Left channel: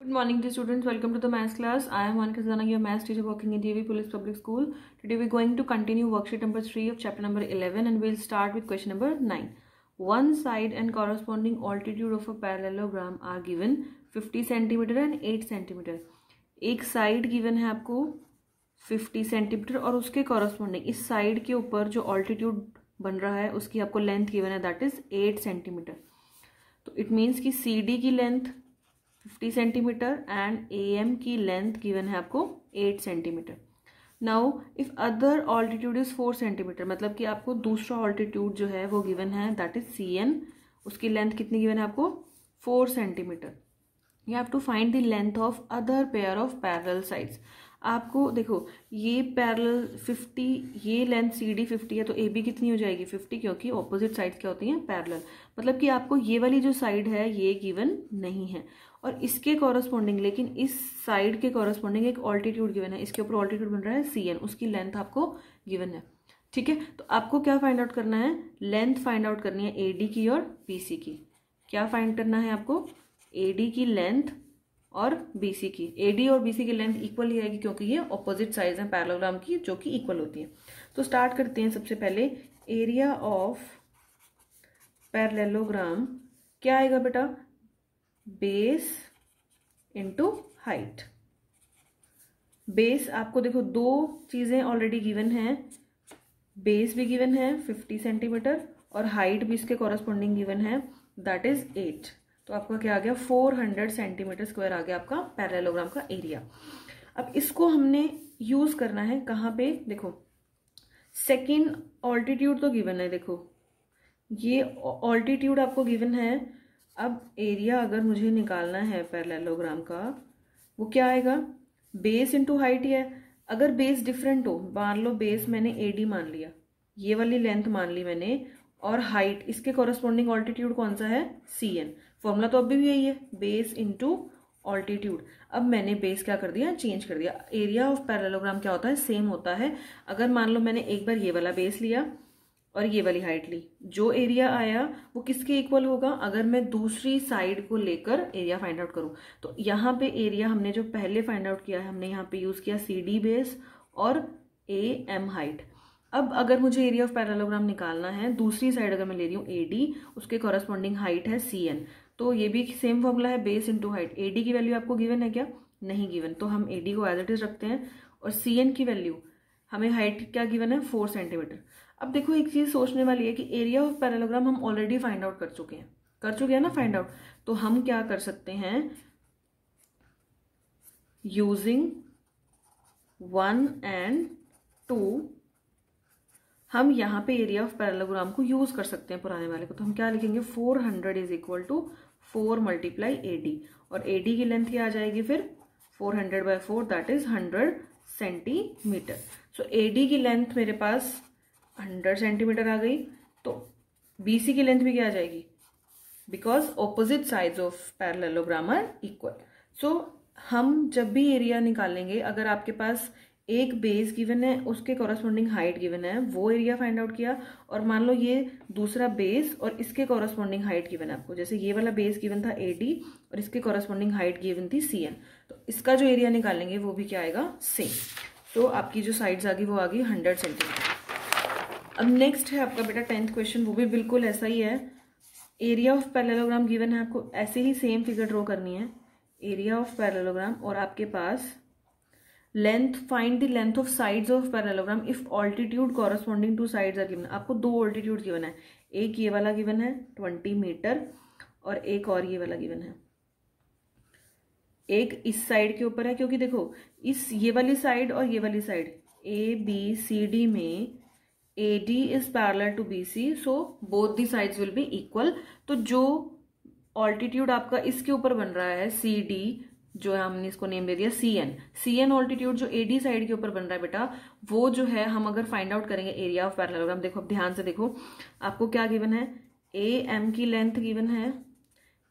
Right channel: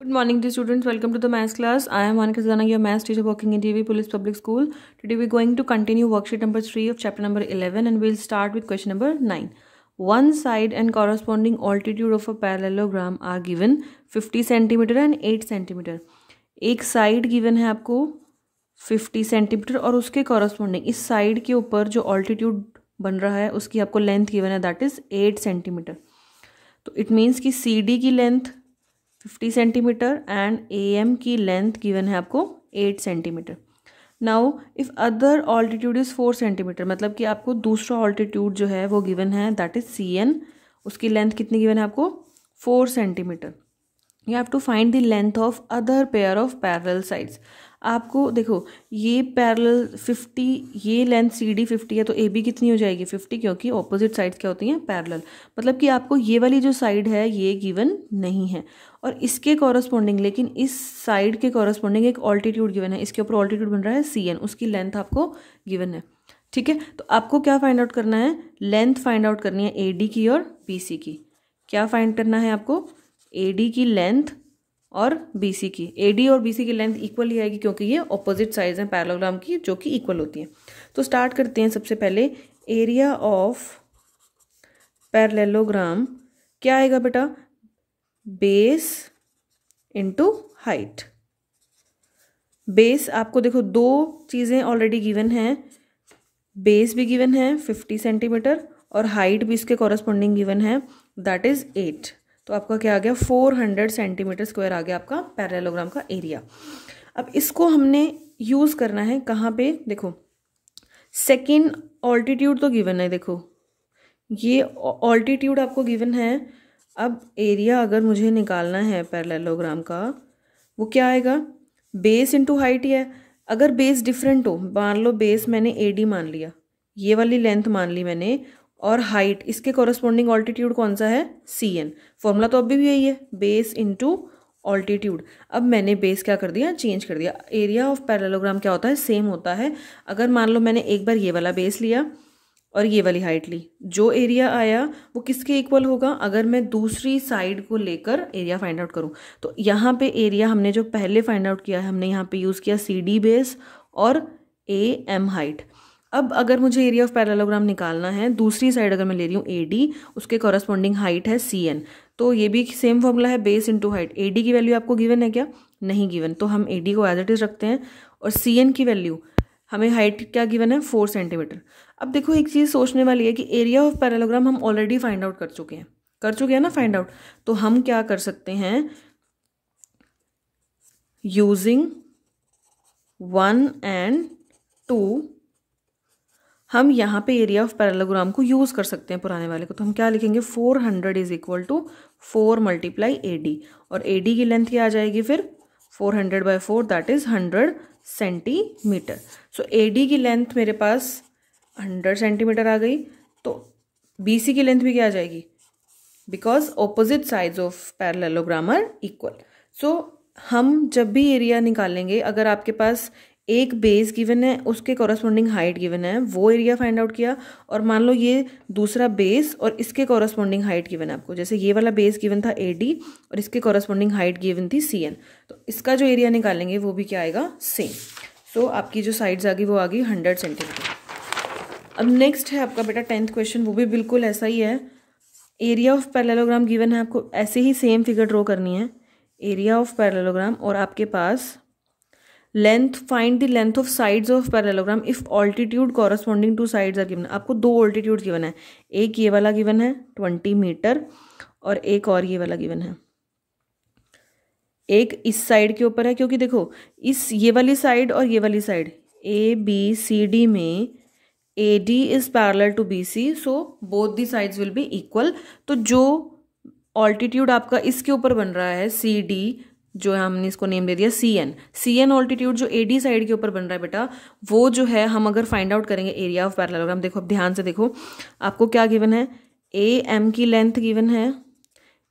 Good morning, dear students. Welcome to the maths class. I am Monica Zana, your maths teacher working in TV Police Public School. Today we are going to continue worksheet number 3 of chapter number 11 and we'll start with question number 9. One side and corresponding altitude of a parallelogram are given 50 cm and 8 cm. एक side given है आपको 50 centimetre और उसके corresponding इस side के ऊपर जो altitude बन रहा है उसकी आपको लेंथ गिवन है दैट इज 8 सेंटीमीटर. तो इट मीन्स कि सी डी की length 50 centimetre and A M की लेंथ गिवन है आपको 8 centimetre. Now if other altitude is 4 centimetre, मतलब कि आपको दूसरा ऑल्टीट्यूड जो है वो गिवन है दैट इज सी एन. उसकी लेंथ कितनी गिवन है आपको 4 centimetre. You have to find the length of other pair of parallel sides. आपको देखो ये पैरेलल 50, ये लेंथ सी डी 50 है तो ए बी कितनी हो जाएगी 50, क्योंकि ऑपोजिट साइड्स क्या होती हैं पैरेलल. मतलब कि आपको ये वाली जो साइड है ये गिवन नहीं है और इसके कॉरस्पॉन्डिंग, लेकिन इस साइड के कॉरस्पॉन्डिंग एक ऑल्टीट्यूड गिवन है. इसके ऊपर ऑल्टीट्यूड बन रहा है सी एन, उसकी लेंथ आपको गिवन है. ठीक है, तो आपको क्या फाइंड आउट करना है, लेंथ फाइंड आउट करनी है ए डी की और बी सी की. क्या फाइंड करना है आपको, ए डी की लेंथ और बी सी की. ए डी और बी सी की लेंथ इक्वल ही आएगी क्योंकि ये ऑपोजिट साइड्स हैं पैरेललोग्राम की जो कि इक्वल होती हैं. तो स्टार्ट करते हैं. सबसे पहले एरिया ऑफ पैरेललोग्राम क्या आएगा बेटा, बेस इंटू हाइट. बेस आपको देखो दो चीज़ें ऑलरेडी गिवन हैं, बेस भी गिवन है 50 सेंटीमीटर और हाइट भी इसके कॉरस्पॉन्डिंग गिवन है दैट इज 8. तो आपका क्या आ गया 400 सेंटीमीटर स्क्वायर आ गया आपका पैरेललोग्राम का एरिया. अब इसको हमने यूज़ करना है कहाँ पे, देखो सेकेंड ऑल्टीट्यूड तो गिवन है, देखो ये ऑल्टीट्यूड आपको गिवन है. अब एरिया अगर मुझे निकालना है पैरेललोग्राम का वो क्या आएगा, बेस इंटू हाइट ही है. अगर बेस डिफरेंट हो, मान लो बेस मैंने ए डी मान लिया, ये वाली लेंथ मान ली मैंने, और हाइट इसके कॉरस्पॉन्डिंग ऑल्टीट्यूड कौन सा है सी एन. फॉर्मूला तो अभी भी यही है, बेस इंटू ऑल्टीट्यूड. अब मैंने बेस क्या कर दिया, चेंज कर दिया. एरिया ऑफ पैरेललोग्राम क्या होता है, सेम होता है. अगर मान लो मैंने एक बार ये वाला बेस लिया और ये वाली हाइट ली, जो एरिया आया वो किसके इक्वल होगा, अगर मैं दूसरी साइड को लेकर एरिया फाइंड आउट करूं. तो यहाँ पे एरिया हमने जो पहले फाइंड आउट किया है, हमने यहाँ पे यूज़ किया सी डी बेस और ए एम हाइट. अब अगर मुझे एरिया ऑफ पैरेललोग्राम निकालना है, दूसरी साइड अगर मैं ले रही हूँ ए डी, उसके कॉरस्पॉन्डिंग हाइट है सी एन, तो ये भी सेम फॉर्मूला है base into height. A D की वैल्यू आपको गिवन है क्या, नहीं गिवन, तो हम ए डी को एज इट इज रखते हैं. और सी एन की वैल्यू हमें हाइट क्या गिवन है 4 सेंटीमीटर. अब देखो एक चीज़ सोचने वाली है कि एरिया ऑफ पैरेललोग्राम हम ऑलरेडी फाइंड आउट कर चुके हैं ना फाइंड आउट. तो हम क्या कर सकते हैं, यूजिंग 1 एंड 2 हम यहाँ पे एरिया ऑफ पैरेललोग्राम को यूज़ कर सकते हैं पुराने वाले को. तो हम क्या लिखेंगे 400 is equal to 4 multiply A D, और ए डी की लेंथ क्या आ जाएगी फिर 400/4 that is 100 centimetre. So A D की लेंथ मेरे पास 100 सेंटीमीटर आ गई. तो बी सी की लेंथ भी क्या आ जाएगी, because opposite sides of parallelogram are equal. So हम जब भी एरिया निकालेंगे, अगर आपके पास एक बेस गिवन है उसके कॉरस्पॉन्डिंग हाइट गिवन है, वो एरिया फाइंड आउट किया, और मान लो ये दूसरा बेस और इसके कॉरस्पॉन्डिंग हाइट गिवन है आपको, जैसे ये वाला बेस गिवन था ए डी और इसके कॉरस्पॉन्डिंग हाइट गिवन थी सी एन, तो इसका जो एरिया निकालेंगे वो भी क्या आएगा सेम. सो आपकी जो साइड्स आ गई वो आ गई 100 सेंटीमीटर. अब नेक्स्ट है आपका बेटा 10th क्वेश्चन, वो भी बिल्कुल ऐसा ही है. एरिया ऑफ पैरेललोग्राम गिवन है आपको, ऐसे ही सेम फिगर ड्रॉ करनी है, एरिया ऑफ पैरेललोग्राम, और आपके पास length, find the length of sides of parallelogram if altitude corresponding to sides are given. आपको दो ऑल्टीट्यूड गिवन है, एक ये वाला गिवन है 20 मीटर और एक और ये वाला गिवन है. एक इस साइड के ऊपर है, क्योंकि देखो इस ये वाली साइड और ये वाली side A B C D में A D is parallel to B C, so both the sides will be equal. तो जो ऑल्टीट्यूड आपका इसके ऊपर बन रहा है सी डी, जो है हमने इसको नेम दे दिया C N. C N altitude जो ए डी साइड के ऊपर बन रहा है बेटा, वो जो है हम अगर फाइंड आउट करेंगे एरिया ऑफ पैरेललोग्राम, देखो अब ध्यान से देखो आपको क्या गिवन है, ए एम की लेंथ गिवन है,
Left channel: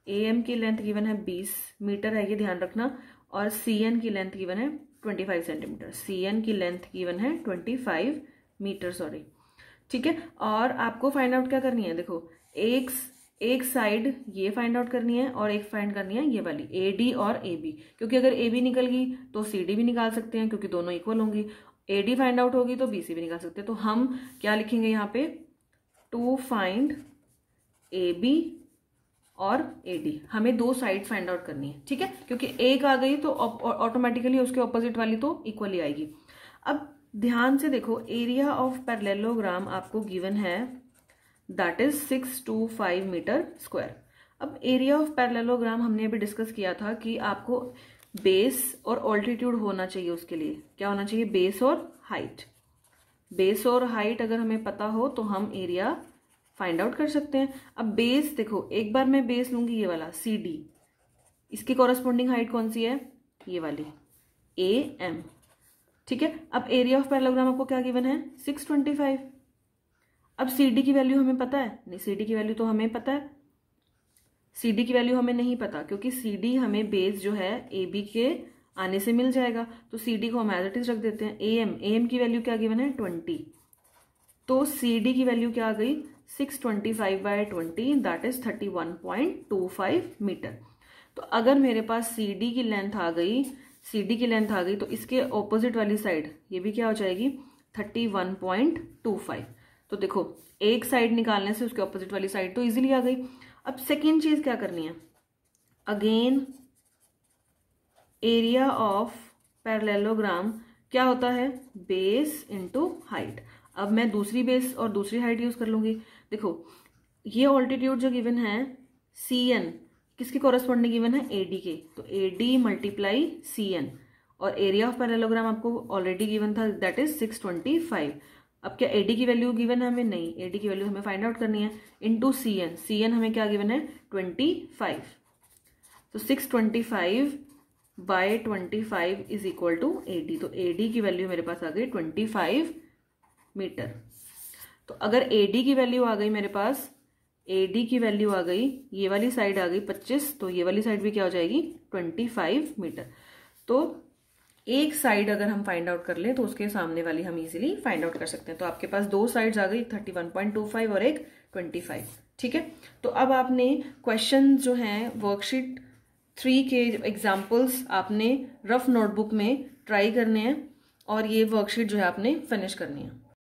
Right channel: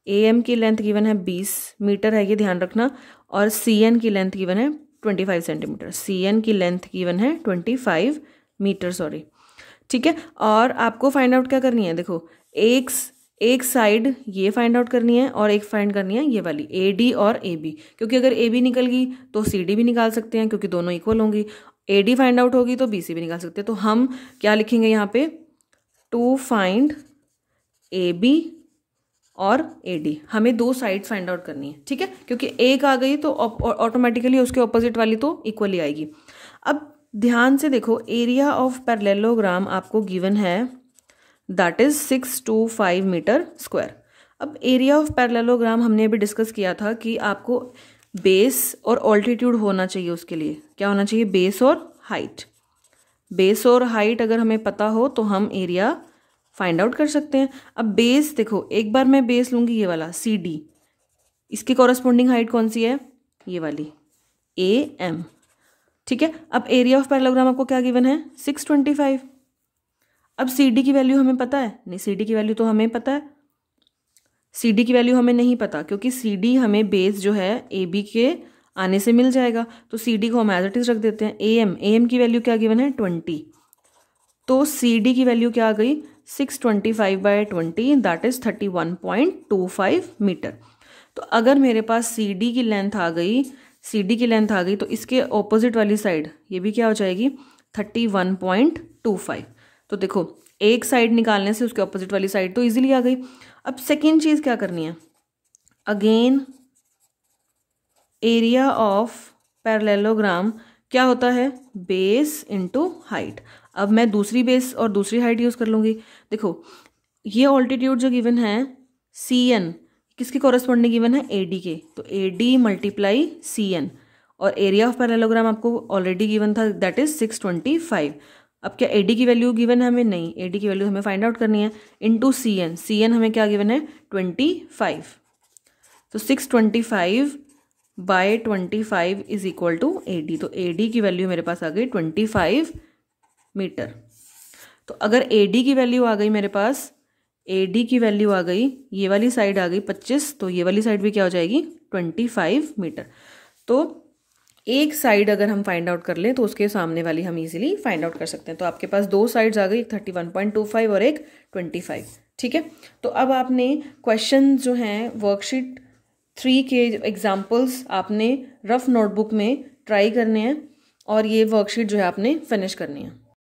ए एम की लेंथ गिवन है 20 मीटर है, ये ध्यान रखना, और सी एन की लेंथ गिवन है 25 सेंटीमीटर. सी एन की लेंथ गिवन है 25 मीटर, सॉरी. ठीक है, और आपको फाइंड आउट क्या करनी है, देखो एक साइड ये फाइंड आउट करनी है और एक फाइंड करनी है ये वाली AD और AB, क्योंकि अगर AB निकल गई तो CD भी निकाल सकते हैं क्योंकि दोनों इक्वल होंगी, AD फाइंड आउट होगी तो BC भी निकाल सकते हैं। तो हम क्या लिखेंगे यहाँ पे, टू फाइंड AB और AD, हमें दो साइड फाइंड आउट करनी है, ठीक है, क्योंकि एक आ गई तो ऑटोमेटिकली उसके ऑपोजिट वाली तो इक्वली आएगी। अब ध्यान से देखो, एरिया ऑफ पैरेललोग्राम आपको गिवन है, दैट इज 625 मीटर स्क्वायर। अब एरिया ऑफ पैरेललोग्राम हमने अभी डिस्कस किया था कि आपको बेस और ऑल्टीट्यूड होना चाहिए, उसके लिए क्या होना चाहिए, बेस और हाइट। बेस और हाइट अगर हमें पता हो तो हम एरिया फाइंड आउट कर सकते हैं। अब बेस देखो, एक बार मैं बेस लूँगी ये वाला CD, इसकी कॉरस्पॉन्डिंग हाइट कौन सी है, ये वाली AM, ठीक है। अब एरिया ऑफ पैरेललोग्राम आपको क्या गिवन है, 625। अब CD की वैल्यू हमें पता है, नहीं CD की वैल्यू तो हमें पता है, CD की वैल्यू हमें नहीं पता क्योंकि CD हमें बेस जो है AB के आने से मिल जाएगा, तो CD को हम एज इट इज रख देते हैं। AM की वैल्यू क्या गिवन है, 20, तो CD की वैल्यू क्या आ गई, 625/20, दैट इज 31.25 मीटर। तो अगर मेरे पास CD की लेंथ आ गई तो इसके ऑपोजिट वाली साइड ये भी क्या हो जाएगी, 31.25। तो देखो एक साइड निकालने से उसके ऑपोजिट वाली साइड तो इजीली आ गई। अब सेकेंड चीज क्या करनी है, अगेन एरिया ऑफ पैरेललोग्राम क्या होता है, बेस इंटू हाइट। अब मैं दूसरी बेस और दूसरी हाइट यूज कर लूंगी। देखो ये ऑल्टीट्यूड जो गिवन है CN किसकी कॉरेस्पॉन्डिंग गिवन है, AD के, तो AD मल्टीप्लाई CN, और एरिया ऑफ पैरेललोग्राम आपको ऑलरेडी गिवन था, दैट इज 625। अब क्या AD की वैल्यू गिवन है हमें, नहीं, AD की वैल्यू हमें फाइंड आउट करनी है, इनटू CN हमें क्या गिवन है, 25। तो 625/25 इज इक्वल टू AD, तो AD की वैल्यू मेरे पास आ गई 25 मीटर। तो अगर AD की वैल्यू आ गई मेरे पास, AD की वैल्यू आ गई, ये वाली साइड आ गई 25, तो ये वाली साइड भी क्या हो जाएगी, 25 मीटर। तो एक साइड अगर हम फाइंड आउट कर लें तो उसके सामने वाली हम इजीली फाइंड आउट कर सकते हैं। तो आपके पास दो साइड्स आ गई, एक 31.25 और एक 25, ठीक है। तो अब आपने क्वेश्चन जो हैं वर्कशीट 3 के एग्जाम्पल्स आपने रफ नोटबुक में ट्राई करने हैं और ये वर्कशीट जो है आपने फिनिश करनी है।